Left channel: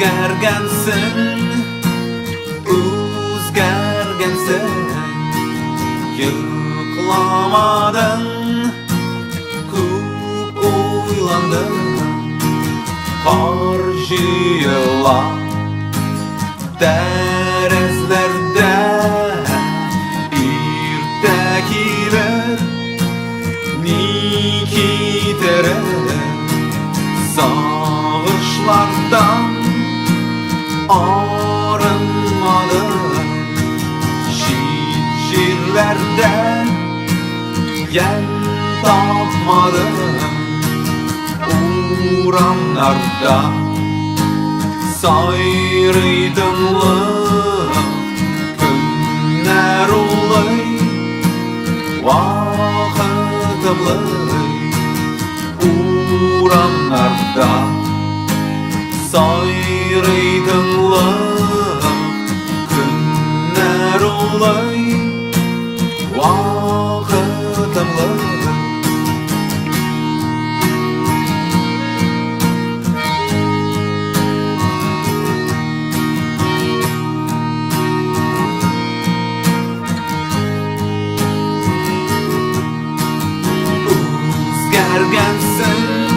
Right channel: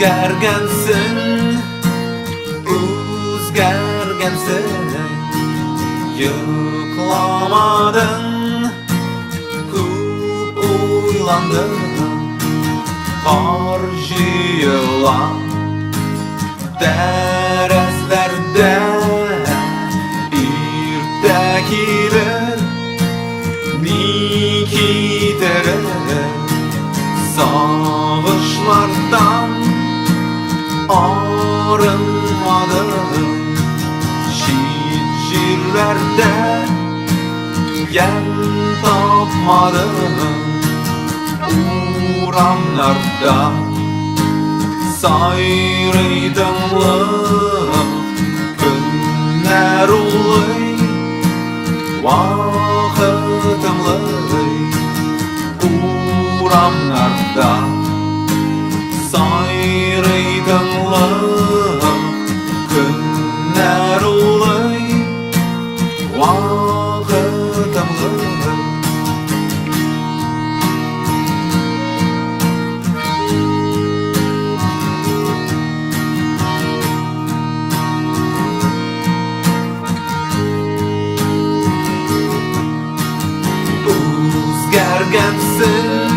O'zgargansin, o'zgargansin. Yo'qlamading, ko'p o'ylandim. Qor yig'lab darazlarda erta kelar nikitirar. Sog'ishlardan arınmadım. Şiit yerlerde yem tapmadım. Uğramlarda sayrıydımlık. Günler ulay, vakıtımlay. Uğramlarda sayrıydımlık. Günler ulay, vakıtımlay. O'zgargansin,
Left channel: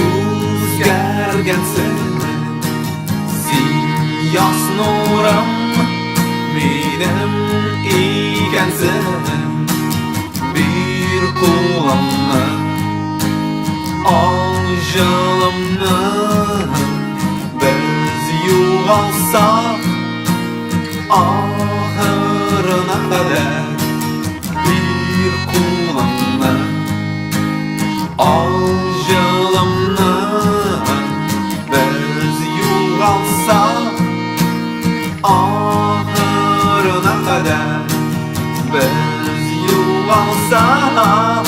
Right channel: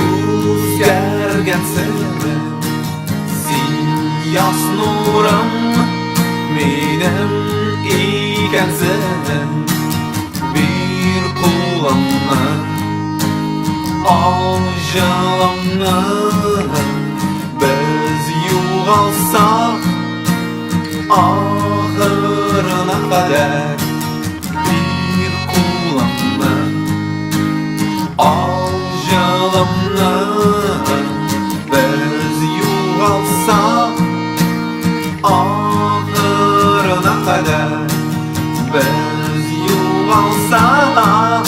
o'zgargansin. Sen yoz nurim, menim ekansin. Bir qo'limni ol jilimni. Biz yo'g'alsak oxirina qadar. Bir qo'limni al jilimni. Biz yo'g'alsak oxirina qadar. Biz yo'g'alsak